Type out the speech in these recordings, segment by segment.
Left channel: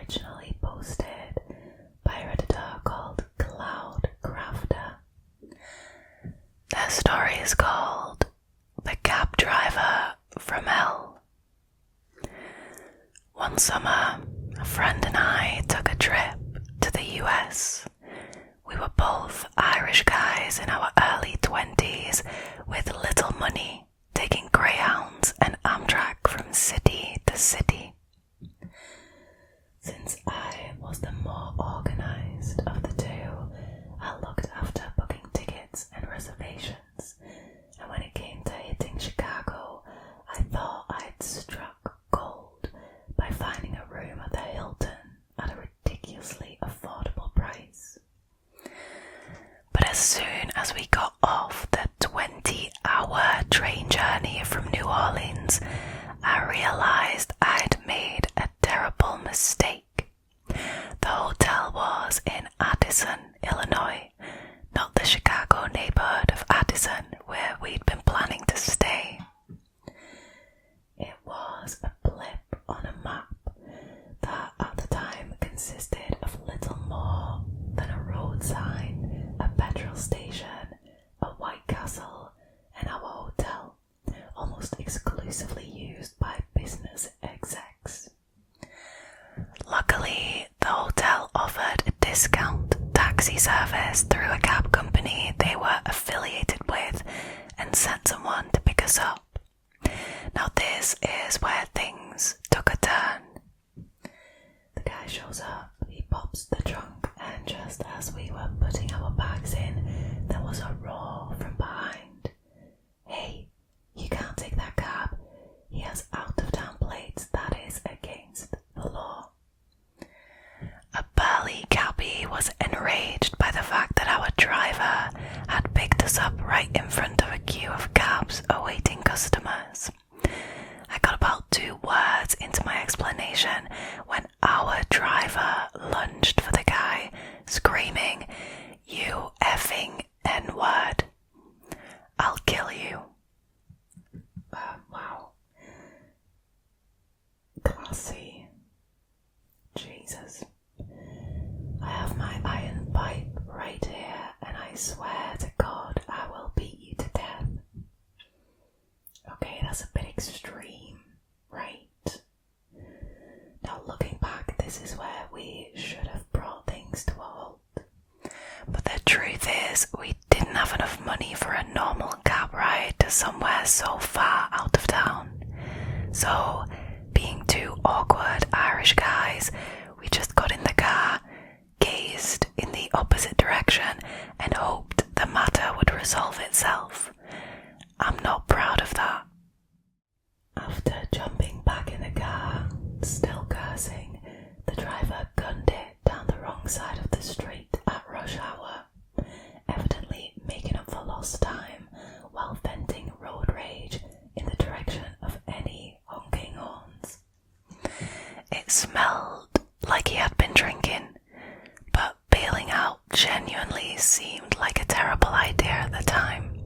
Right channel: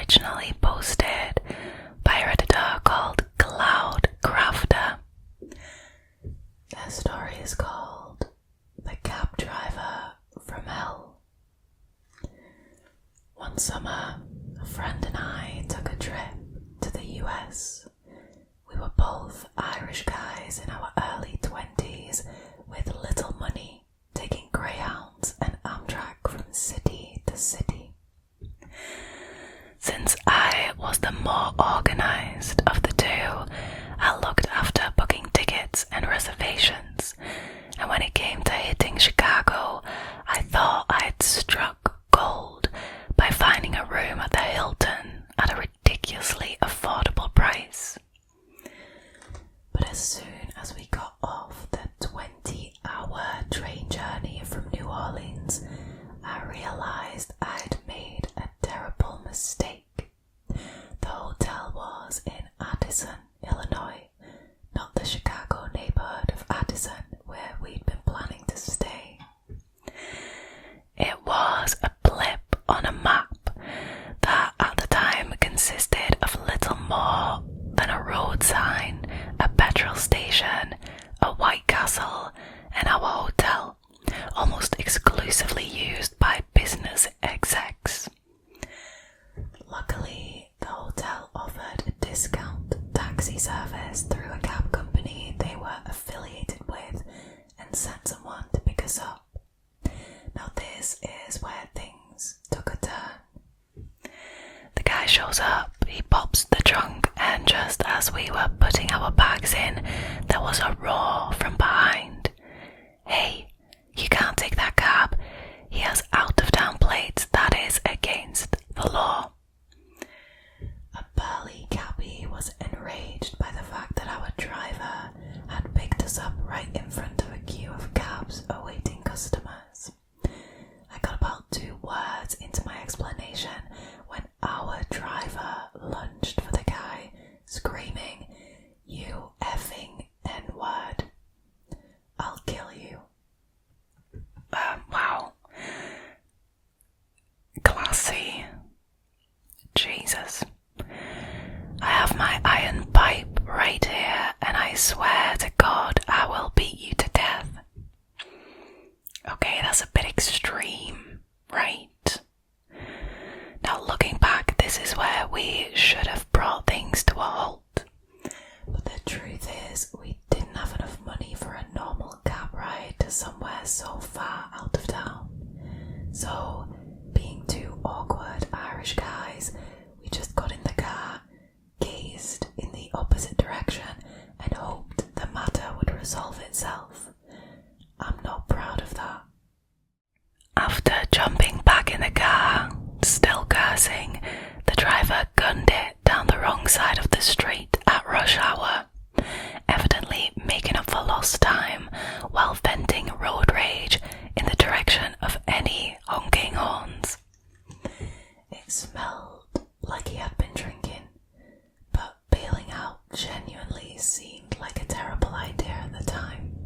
originally posted by a Redditor called Cloudcrafter. Their story is called The Cab Driver from Hell. One summer, a friend and I took a trip to the US. We were both Irish guys in our early 20s with little money, taking Greyhounds and Amtrak from city to city. Since I was the more organised of the two, I looked after booking tickets and reservations, and when it came to hitting Chicago, I thought I'd struck gold by finding a room at the Hilton at a ridiculously affordable price. But as soon as we got off the 20-hour train journey from New Orleans, I realised I'd made a terrible mistake. The hotel was in Addison, Illinois, not the Chicago neighbourhood of Addison where we'd been planning to stay. It was a blip on a map that at the time consisted of little more than a road sign, a petrol station, a White Castle, and our hotel, almost exclusively used by business execs. Luckily, the hotel offered a discount taxi service through a cab company they were affiliated with and sent someone to pick us up. Now this is where things took a turn. The guy shows up, he pops the trunk, and just as we were putting our bags in, there was a roar from behind. "Hey, you can't take that cab. He has out-of-town plates. That is against the law." A burly cabbie was enraged by the fact that our driver had picked us up right in front of a queue of cabs awaiting customers. I got about 2 words into my explanation when our driver lunged for the guy, screaming, "You effing N-word. I'll kill you." Wow. Classy. Jesus. I have my iron pipe right here, and I swear to God I will beat you to death. Okay, that's a bit extreme, right? Now looking back, this is where we should have brought things to a halt. But the truth is, we didn't have enough money for a normal cab ride to somewhere so far out of town. So, being 2 awkward Irish guys, we just got in the car, gazed in the opposite direction, and hoped the matter would resolve itself. I'm not proud of that. After jumping back in the car, still cursing, the driver gunned it down the wrong side of the street at rush hour, evidently making up for lost time while venting road rage in the direction of any honking horns. It smelled like he had been drinking, but bailing out genuinely seemed like a terrible idea at the time.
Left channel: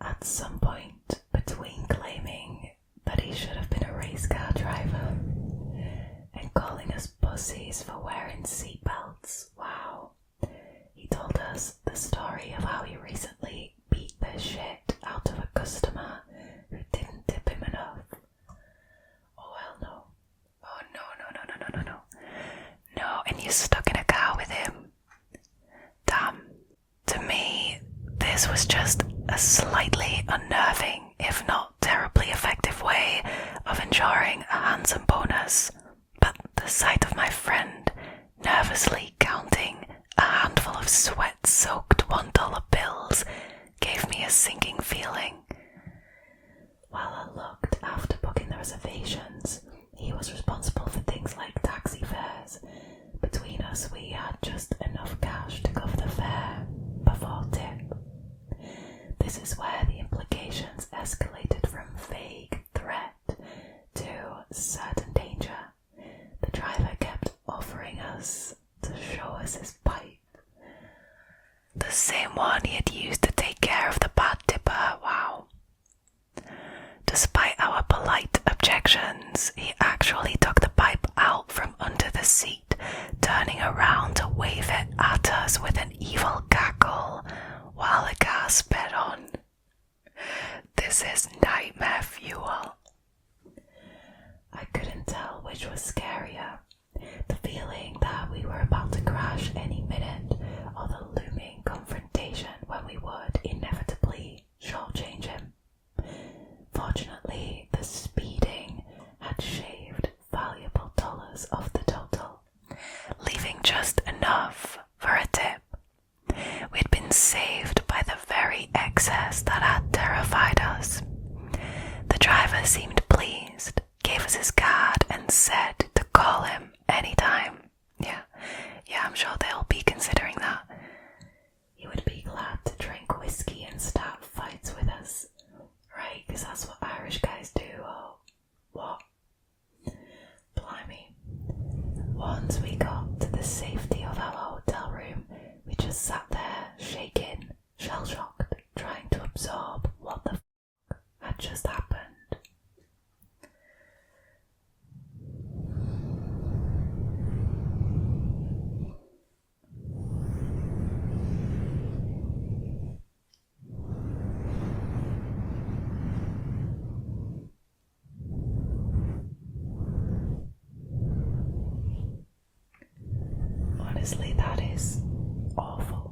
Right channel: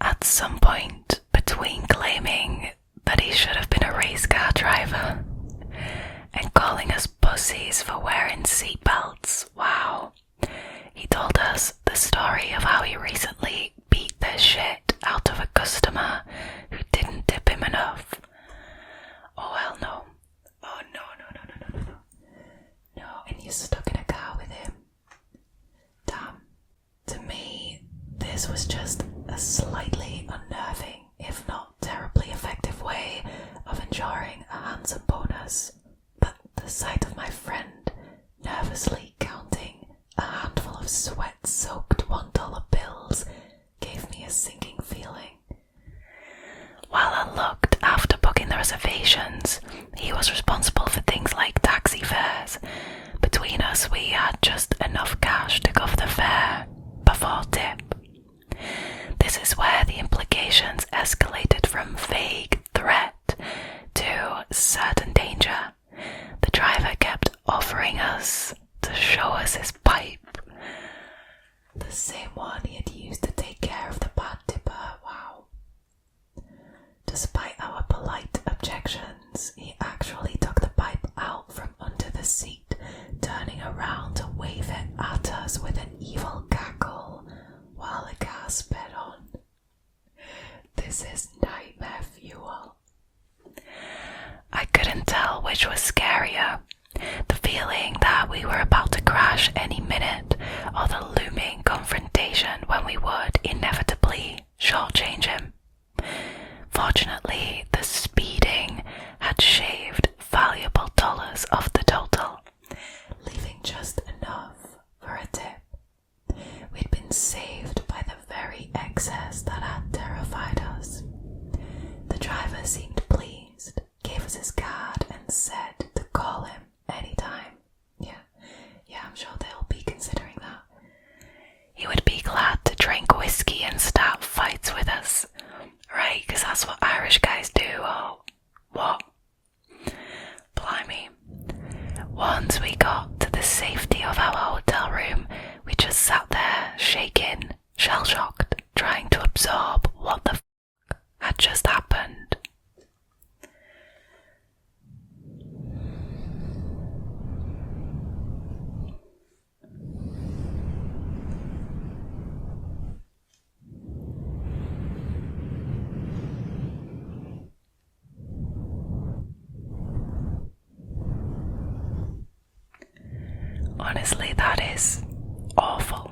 At some point between claiming that he should have been a race car driver and calling us pussies for wearing seatbelts, wow, he told us the story of how he recently beat the shit out of a customer who didn't tip him enough. Oh hell no. Oh no. No, and you're stuck in a car with him. Damn. To me, this was just a slightly unnerving, if not terribly effective way of ensuring a handsome bonus, but the sight of my friend nervously counting a handful of sweat-soaked $1 bills gave me a sinking feeling. While I looked after booking the reservations, he was responsible for things like taxi fares. Between us, we had just enough cash to cover the fare before tip. This is where the implications escalated from vague threat to certain danger. The driver kept offering us to show us his pipe. The same one he had used to take care of the bad tipper, wow. Despite our polite objections, he actually took the pipe out from under the seat, turning around to wave it at us with an evil cackle while the car sped on. This is nightmare fuel. I couldn't tell which was scarier, the feeling that we were about to crash any minute, or the looming confrontation when we would inevitably shortchange him. Fortunately, the speeding had shaved valuable dollars off the total, leaving just enough for a tip. We'd been saved by the very excess that had terrified us. The driver seemed pleased, gave us his card and said to call him anytime. Yeah, I'm sure they'll be considering that. He would be glad to drink whiskey and start fights with us, right? Because that's what Irish guys do, or what? Blimey. Once we got to the safety of our hotel room, we just sat there, shaking, shell-shocked, trying to absorb what the f*** had just happened. Honestly, that is awful.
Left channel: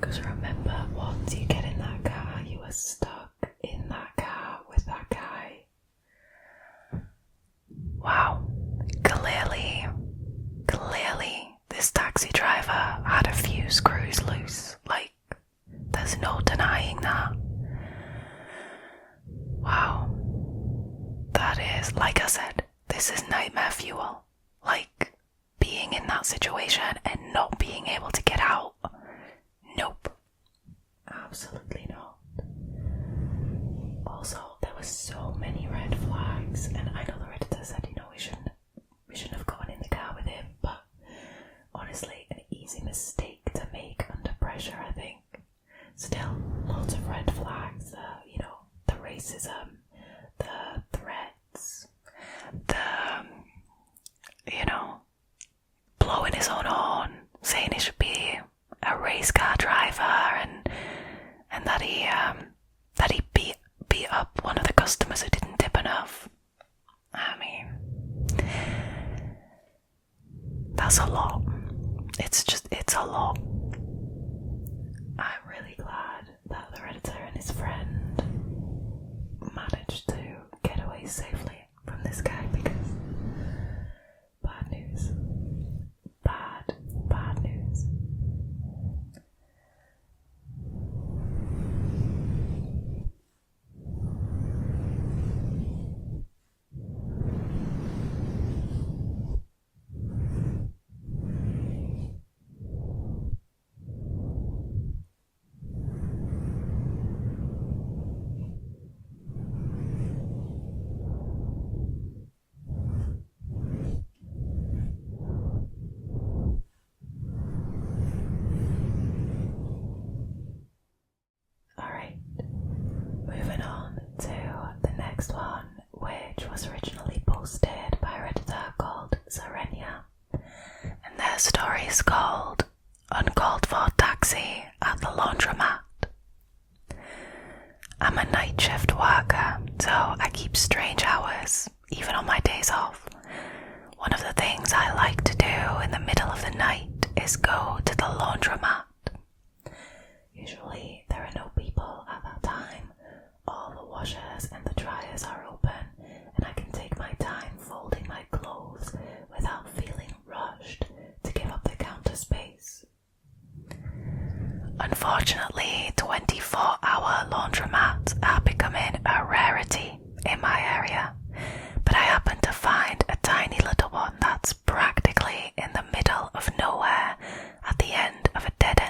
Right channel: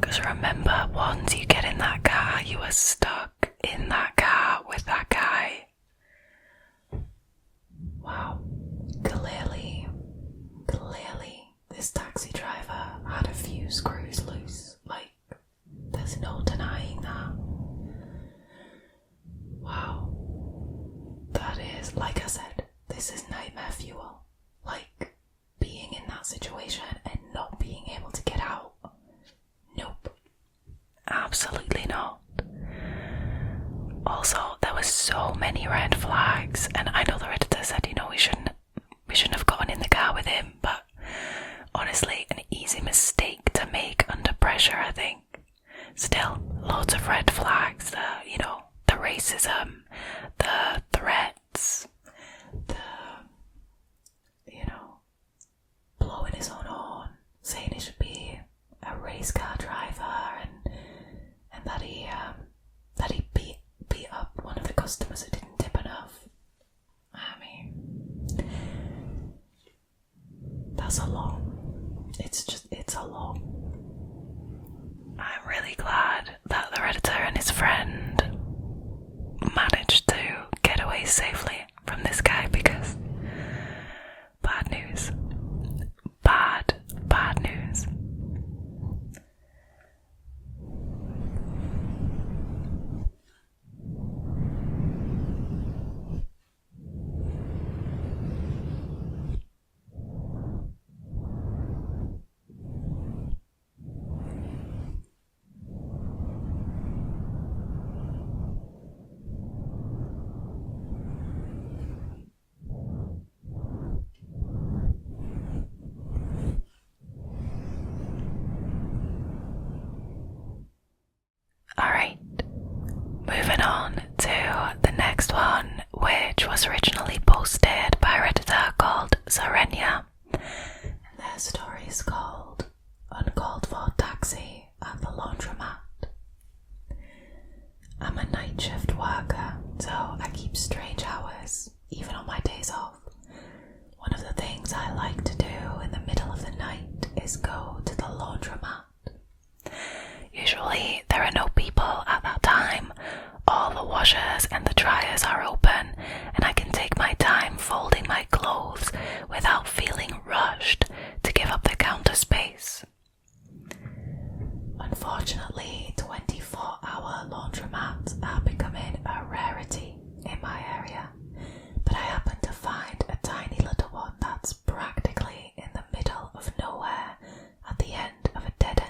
Because remember, once you get in that car, you are stuck in that car with that guy. Wow. Clearly, this taxi driver had a few screws loose. Like, there's no denying that. Wow. That is, like I said, this is nightmare fuel. Like, being in that situation and not being able to get out. Nope. Absolutely not. Also, there were so many red flags, and I know the Redditor said, we shouldn't have gotten in the car with him, but honestly, an easy mistake to make under pressure, I think. Still, loads of red flags, the racism, the threats, the, blowing his own horn, saying he should be a race car driver, and that he beat up one of the customers who didn't tip enough. I mean, that's a lot. It's a lot. I'm really glad that the Redditor and his friend managed to get away safely from this guy, because bad news. Bad news. Alright, moving on to the next one, which was originally posted by a Redditor called Zharenya, and their story is called Uncalled For Taxi at the Laundromat. I'm a night shift worker, so I keep strange hours, even on my days off. One of the things I like to do in the middle of the night is go to the laundromat. Usually there are no people at that time, all the washers and the dryers are open, and I can take my time folding my clothes without feeling rushed to give up the counter space. Unfortunately, 24-hour laundromats are becoming a rarity in my area, but I happen to find a tiny little one that's practically in the middle of nowhere at the end of a dead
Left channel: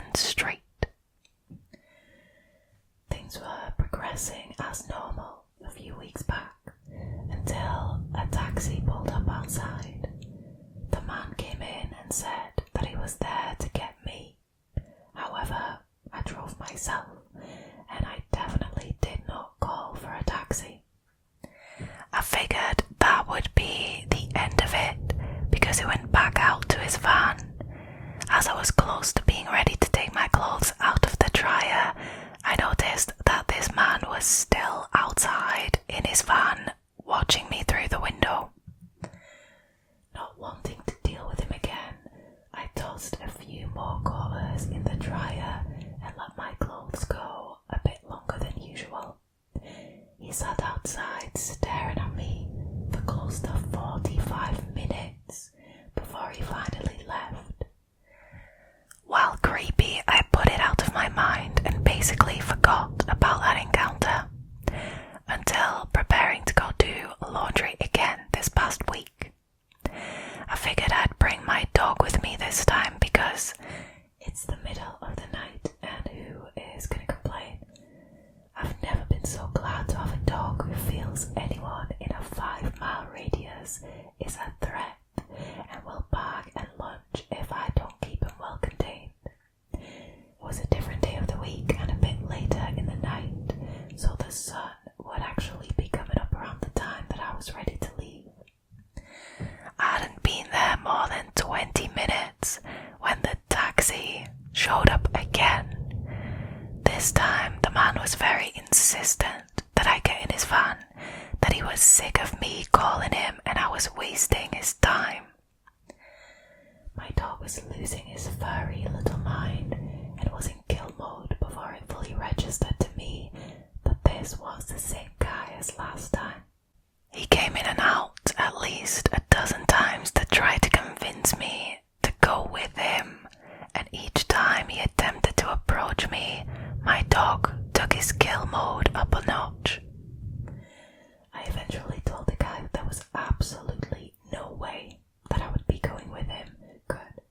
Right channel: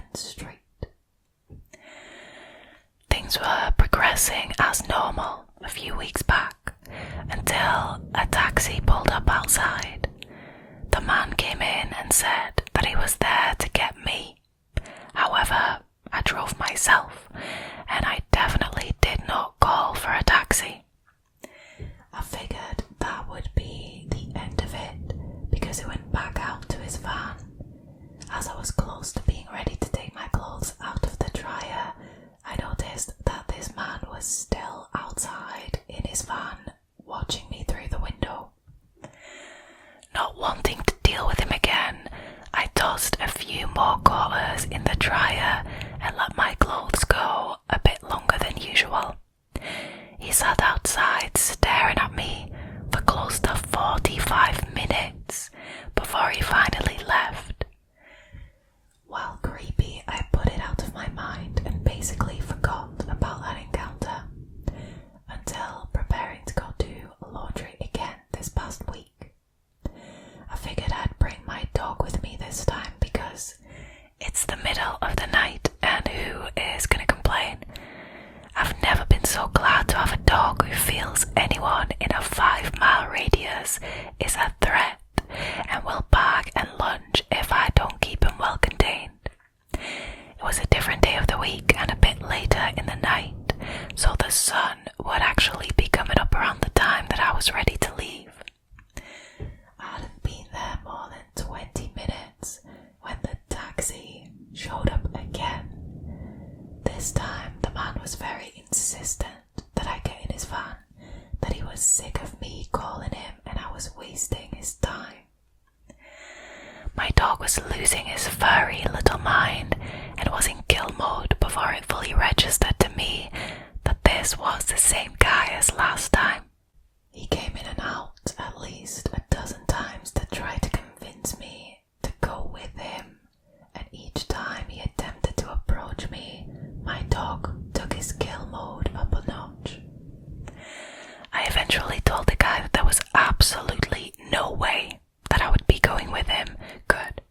as he went back out to his van. As I was close to being ready to take my clothes out of the dryer, I noticed that this man was still outside in his van, watching me through the window. Not wanting to deal with him again, I tossed a few more quarters in the dryer and let my clothes go a bit longer than usual. He sat outside staring at me for close to 45 minutes before he finally left. While creepy, I put it out of my mind and basically forgot about that encounter until preparing to go do laundry again this past week. I figured I'd bring my dog with me this time because it's the middle of the night and who is going to complain? I've never been so glad to have a dog who feels anyone in a 5-mile radius is a threat and will bark and lunge if I don't keep him well contained. It was a different day of the week and a bit later in the night, so the sun would actually be coming up around the time that I was ready to leave. I hadn't been there more than 20 minutes when the taxi showed up again. This time the man was very insistent that I get in his van, that he was sick of me calling him and I was wasting his time. My dog was losing his furry little mind and was in kill mode before it fully registered to me that this was the same guy as last time. He came in and out at least a dozen times to try to convince me to go with him, and each time he attempted to approach me, my dog took his kill mode up a notch. I eventually told the guy that there was absolutely no way that I would be going with him. Good.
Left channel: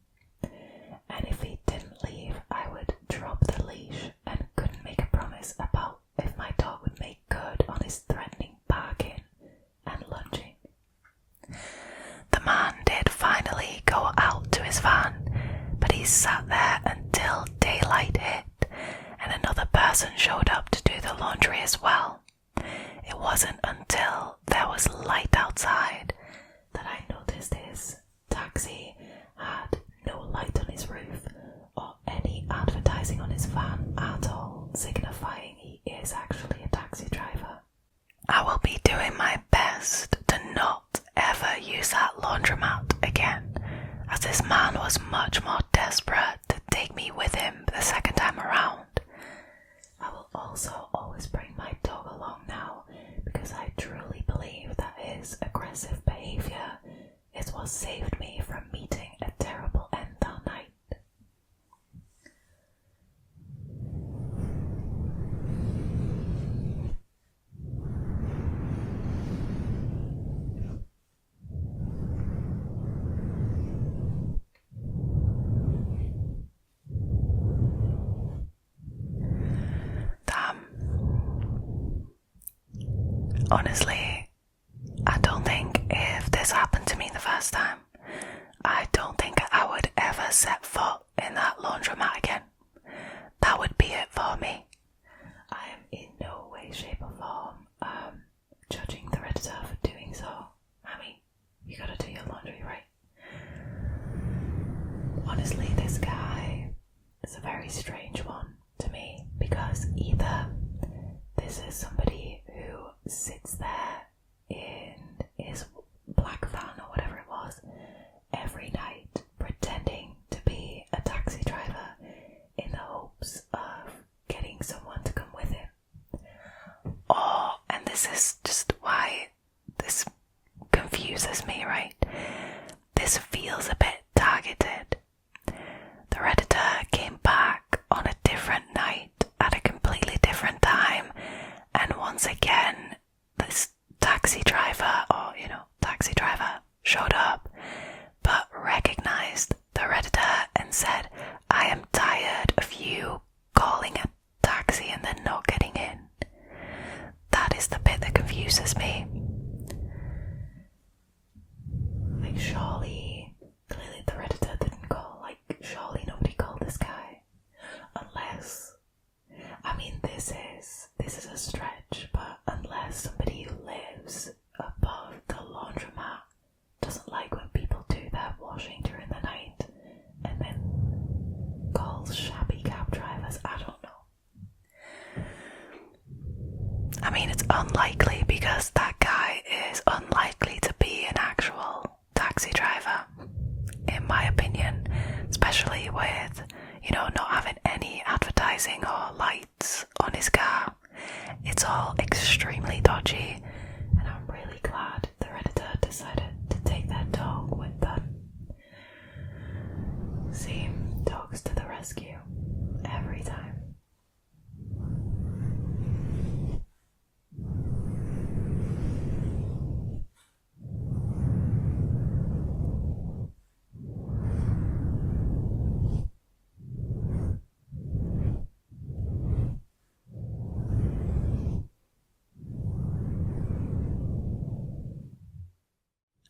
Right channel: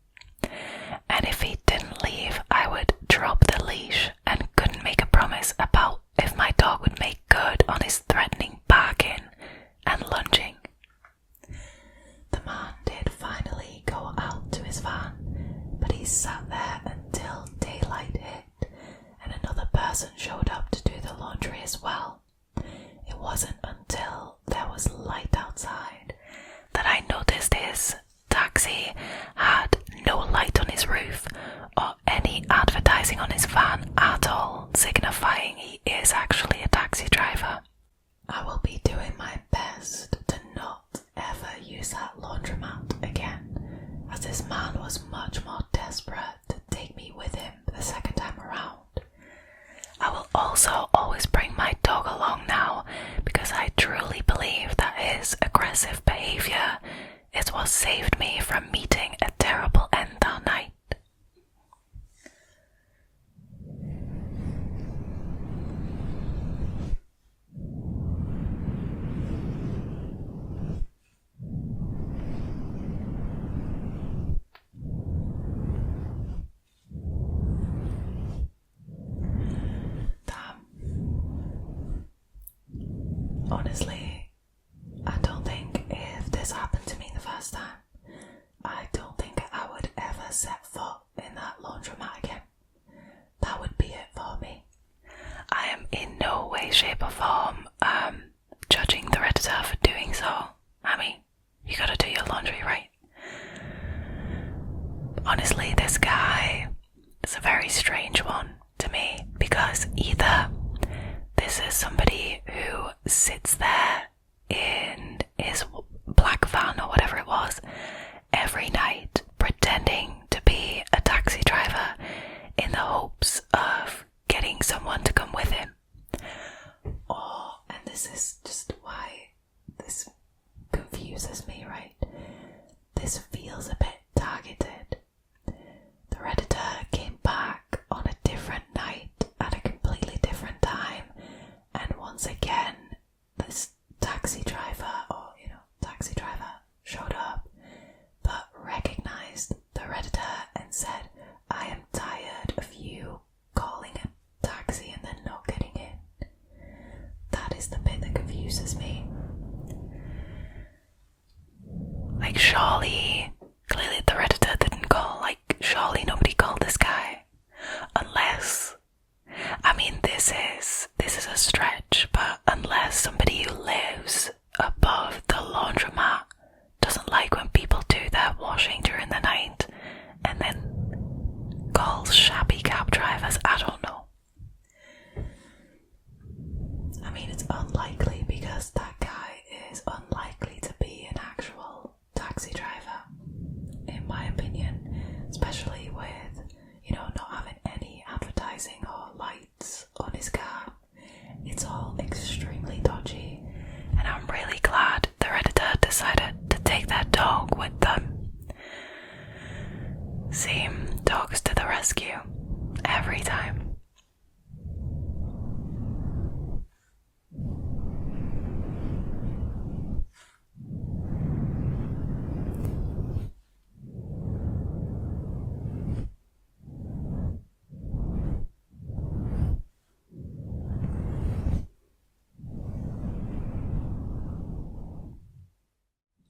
And if he didn't leave, I would drop the leash and couldn't make a promise about if my dog would make good on his threatening barking and lunging. The man did finally go out to his van, but he sat there until daylight hit and another person showed up to do the laundry as well. It wasn't until there was light outside that I noticed his taxi had no light on his roof or any advertising on his van at all, signifying he is actually a taxi driver. I will be doing my best to not ever use that laundromat again, as this man was much more desperate to take me with him the second time around. I will also always bring my dog along now because I truly believe that his aggressive behavior is what saved me from meeting a terrible end that night. Honestly, I don't think if this happened to me the first time, I don't think I would ever set foot in that laundromat again. That would be it for me. I am in no way, shape or form judging the Redditor for doing so. I mean, you gotta do your laundry, right? Honestly, this guy is a very strange one to me because either this is somebody who sits there in his black van or whatever it was every night pretending to be a taxi driver in the hopes of getting someone to come with him. Or, and this is just why this confuses me, right? This feels a bit targeted. The Redditor came back on a different night at a completely different time, and once again this taxi driver showed up but recognized the Redditor and said, "I am tired of you calling a taxi and then not getting in." That is the bit that confuses me. Like, surely, clearly not having any advertising or lights on his car. It's all extremely dodgy, and I'm really glad the Redditor decided to take their dog with them. See, dogs to the rescue, every time.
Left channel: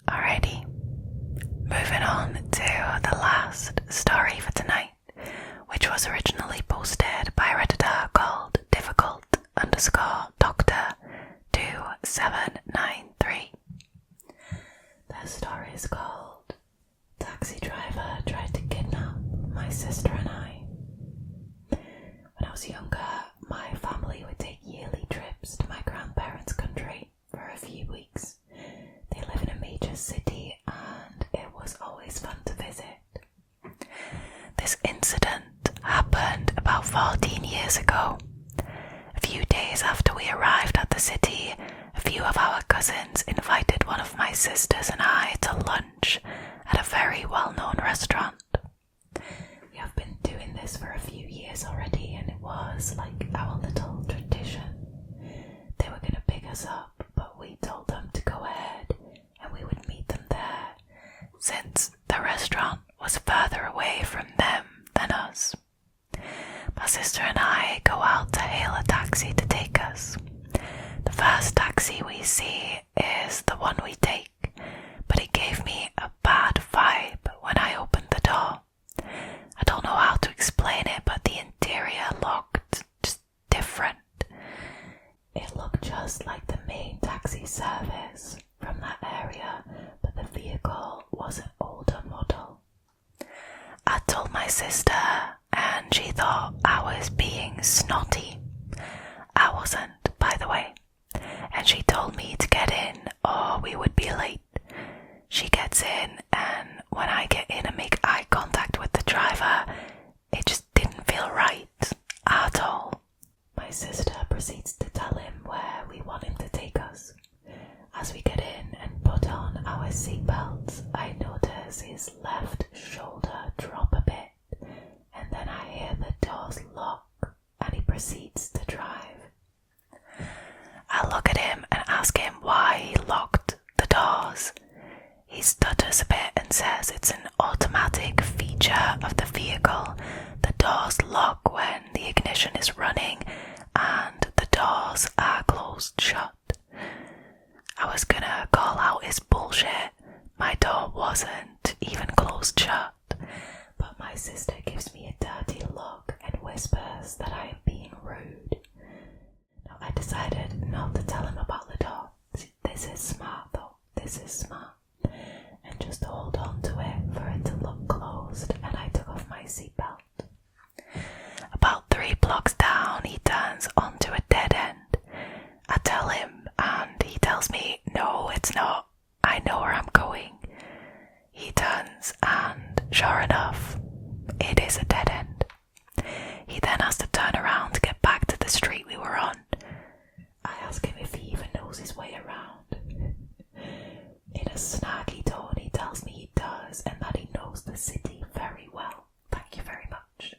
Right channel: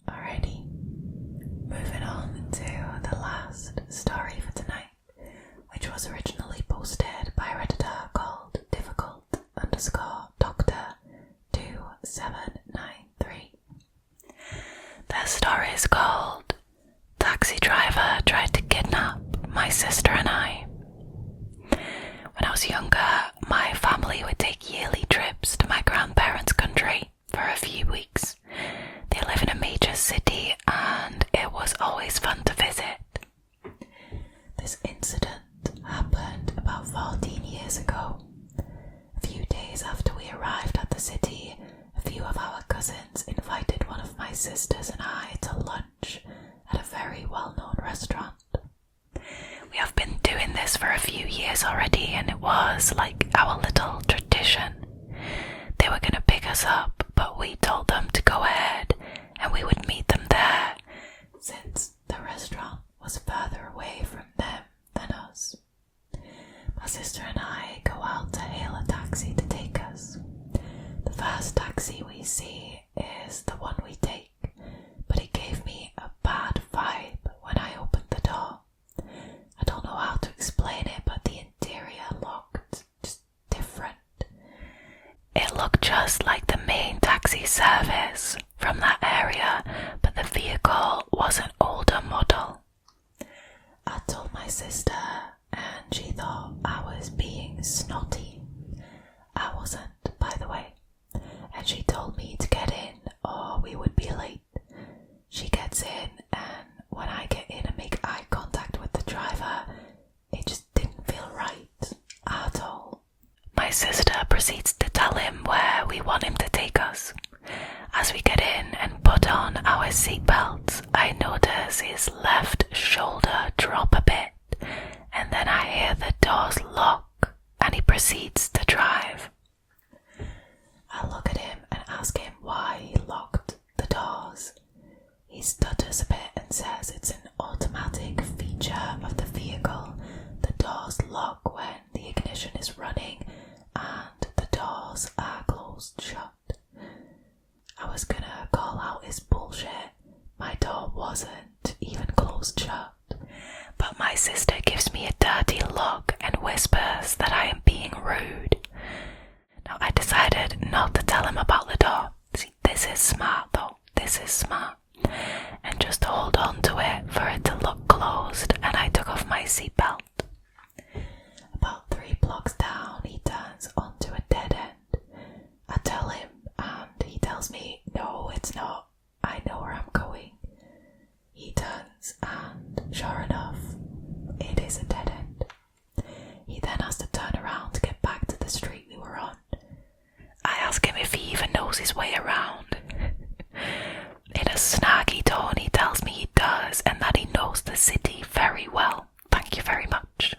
Alrighty, moving on to the last story for tonight, which was originally posted by a Redditor called difficult_doctor2793. Their story is called Taxi Driver Tried to Kidnap My Sister and I. When I was younger, my family would take yearly trips to my grandparents' country for a few weeks. They live in a major city and it was always fun to visit. This incident happened about 14 years ago. A few days after we arrived at the city, a few of our cousins invited one of my sisters and I to lunch at a very well-known restaurant. We have been doing this for a few years already and it was like our little tradition. They were going to pick us up, but we told them to go ahead and we would meet them there, since the restaurant was further away from them than us. My sister and I go out to hail a taxi to take us. The first taxi we see is the one we take, but it gave me a bad vibe when I opened the door. I don't know how to explain it, but the interior looked just different. It looked just like the main taxi service from that area, but the vehicle was an older model. I told my sister and she thought I was being snotty. I wasn't, by the way, and she told me to get in or we would be late. She gets in and when I get in and make eye contact with the driver, it just didn't feel right at all. My sister proceeds to tell him where we want him to take us. As we get in and put on our seatbelts, I notice his left shoulder drop a bit, and then I hear the doors lock, and he proceeds to drive. I look at him and ask him why he locked the doors. He stutters a bit and says it's an automatic feature of the vehicle. The doors lock when the ignition is running and the doors are closed shut. I was gonna call out his bullshit. My door wasn't even closed shut. But my sister gives me a dirty look and whispers that I am being rude. Now I decided not to tell him about the door. See, this is smart though. This is smart. And just hold on to it for it to look closed, and I took off my seatbelt. About 3 blocks down, he turns onto a dead end. I tell him, and he tells me, no, it's not. I know where I'm going. He turns, and sure enough, it is a dead end. He then has to turn around to get back to the street we were on. I ask him if he even knows his way around. In a snarky tone, he tells me he does and that he knows the city very well. Thank you very much.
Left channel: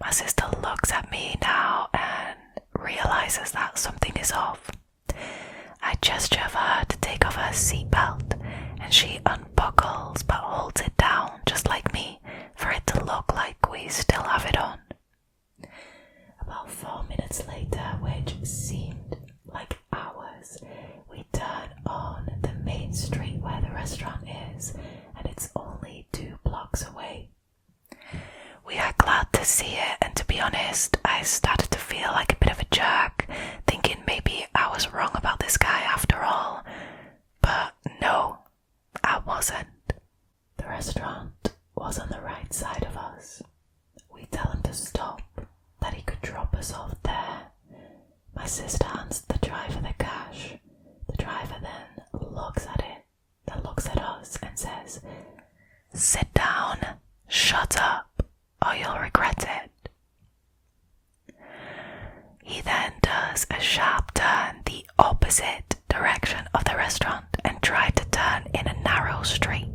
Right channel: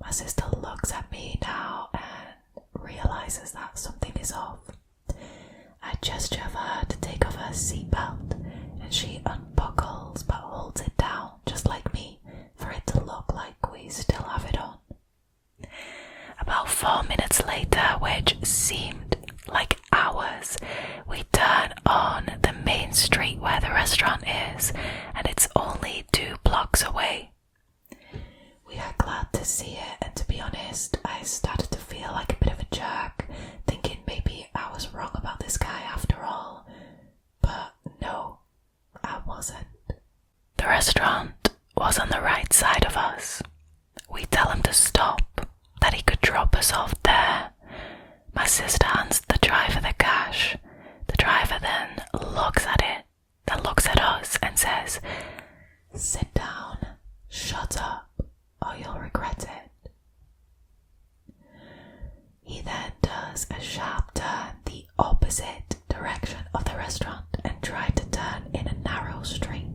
My sister looks at me now and realizes that something is off. I gesture for her to take off her seatbelt and she unbuckles but holds it down just like me for it to look like we still have it on. About 4 minutes later, which seemed like hours, we turn on the main street where the restaurant is, and it's only 2 blocks away. We are glad to see it, and to be honest, I started to feel like a bit of a jerk, thinking maybe I was wrong about this guy after all. But no, I wasn't. The restaurant was on the right side of us. We tell him to stop, that he could drop us off there. My sister hands the driver the cash. The driver then looks at it, then looks at us and says, "Sit down, shut up, you'll regret it. He then does a sharp turn the opposite direction of the restaurant and tried to turn in a narrow street.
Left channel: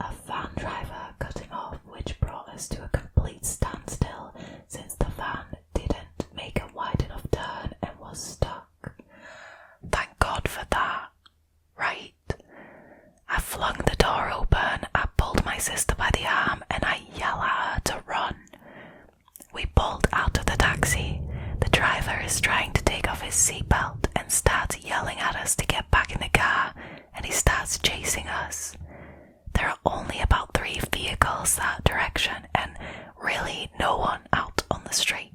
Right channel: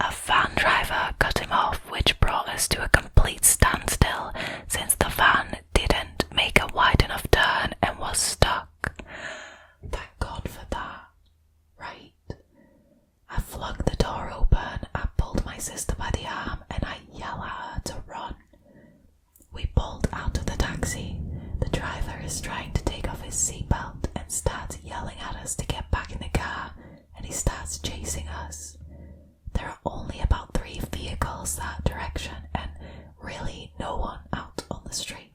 A van driver cut him off, which brought us to a complete standstill since the van didn't make a wide enough turn and was stuck. Thank God for that, right? I flung the door open, I pulled my sister by the arm and I yell at her to run. We bolt out of the taxi. The driver is trying to take off his seatbelt and starts yelling at us to get back in the car, and he starts chasing us. There are only about 3 vehicles that direction and really no one out on the street.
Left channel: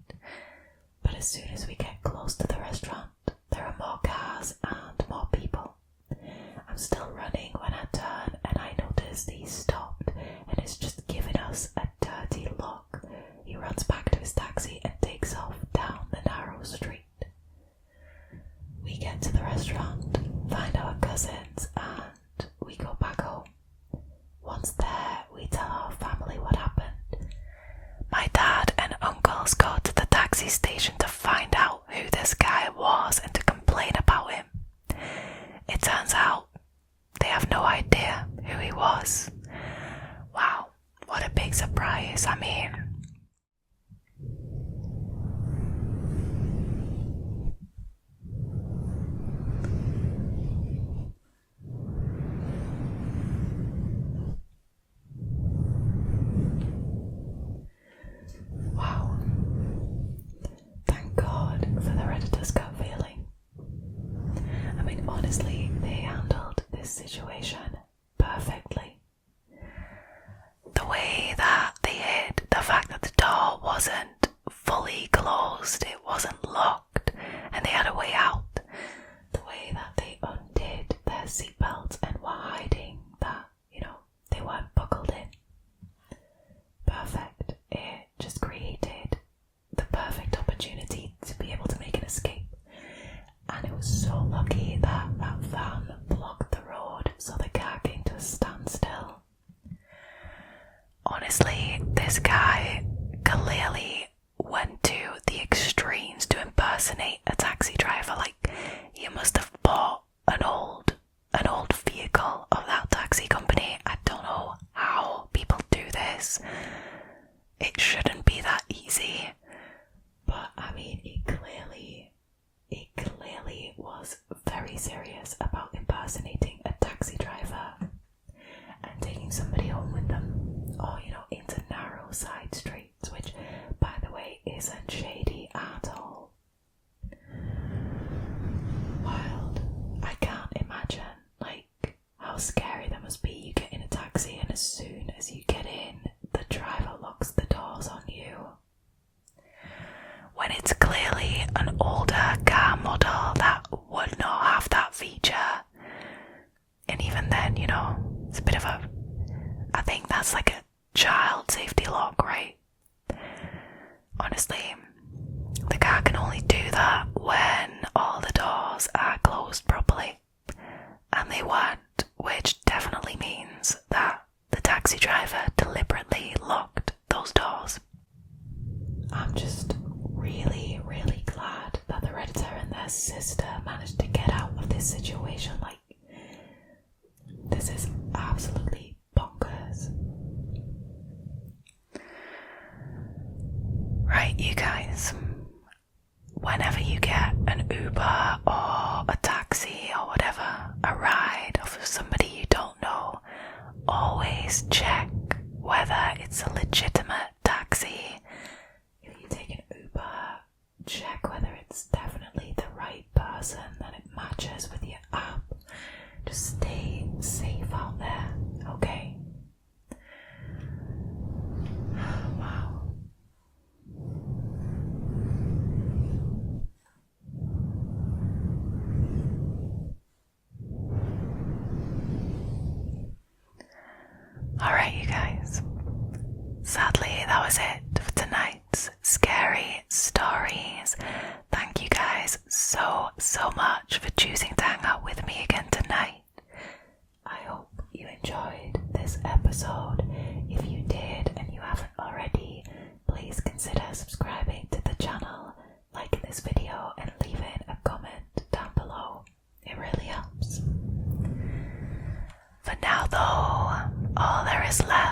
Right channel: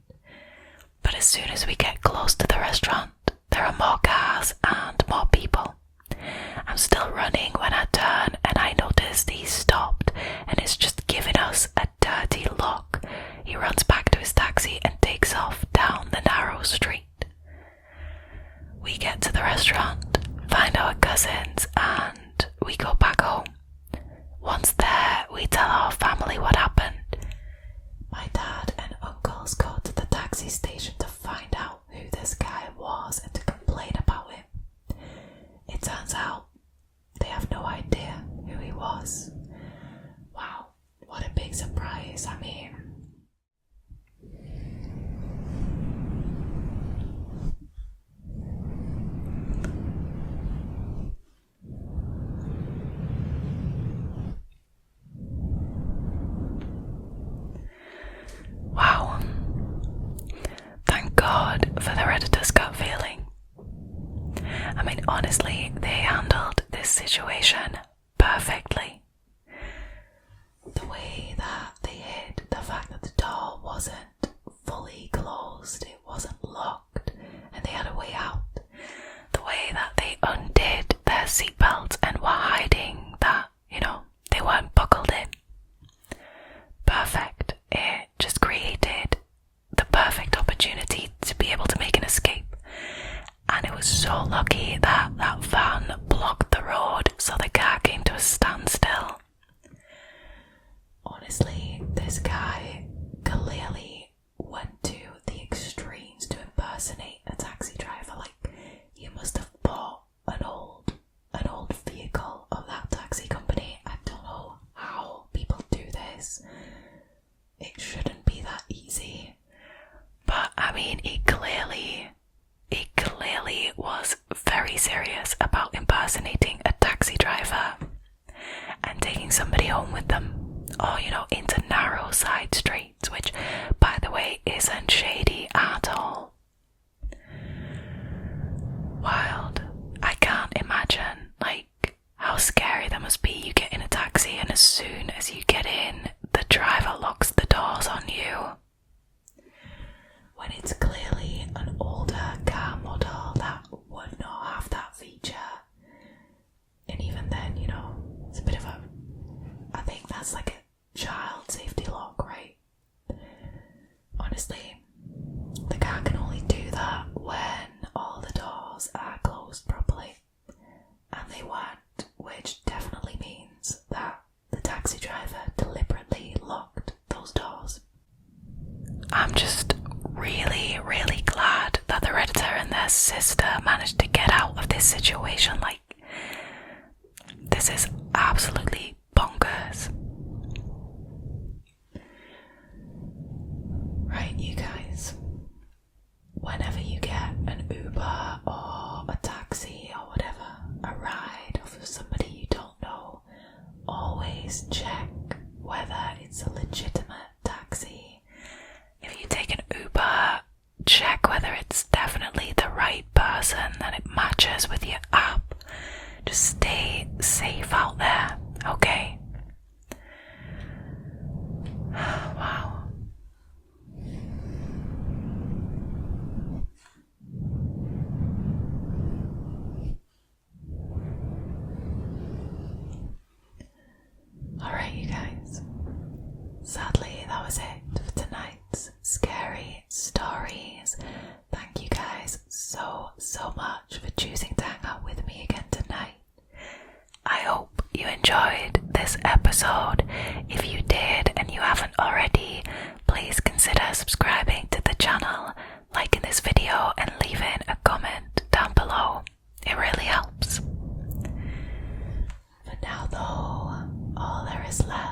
But as soon as we get close to the restaurant, there are more cars and more people. I'm still running when I turn and I noticed he stopped and is just giving us a dirty look. He runs back to his taxi and takes off down the narrow street. We get to the restaurant, find our cousins, and we go back home. Once there, we tell our family what happened. My dad and uncles go to the taxi station to find out who this guy was and to complain about him. It turns out they have no idea who he was. Wow, what a big surprise. I mean, wow. Thank God for the Redditors gut feeling. I mean, honestly, they handled this situation perfectly. The way that they hid the fact that the door wasn't fully closed, it wasn't locked, and they had a way out. The way that they undid their seatbelts and were hiding that, they weren't buckled in. Perfect. It just created the perfect opportunity to be able to make an escape. And it was so lucky that that van blocked the road so the car came to a standstill. Honestly, this guy clearly went to the extremes to impersonate a taxi driver. Like, he must have bought an old vehicle of that taxi company. I don't know how people do this. It shouldn't be that easy. But I mean, he clearly was very serious about impersonating a taxi driver and taking somebody home with them, or into narrow side streets, which, by the way, isn't shady at all. Wild. I can't imagine how scary that must be. You get in a taxi and as soon as you get in, the driver locks the doors on you. When it's clearly an older car model that would not have that feature. And even then, it's a bit of I think that's like a child safety lock, right? Honestly, the car can only do that when all the doors are closed properly. And they weren't, which definitely means that the taxi driver deliberately locked those doors. I'm just really, really glad that the Redditor and their sister managed to get out of this situation. This is absolutely bonkers. Right, you guys, whenever you get an Uber or a taxi or whatever, a ride or for somebody you don't know, always check whether it's a legitimate taxi. If you take an Uber, check whether it's definitely the right person and it matches with your app. Just stay safe out there, okay? Wow. Alright, you guys. Sadly, that was it for tonight's scary stories. Thank you guys so much for choosing to hang out with me again tonight. I hope you enjoyed this episode. If you did and you haven't already, already, please consider subscribing to the channel, liking this video and leaving a comment down below. It really helps. For now though, all there is left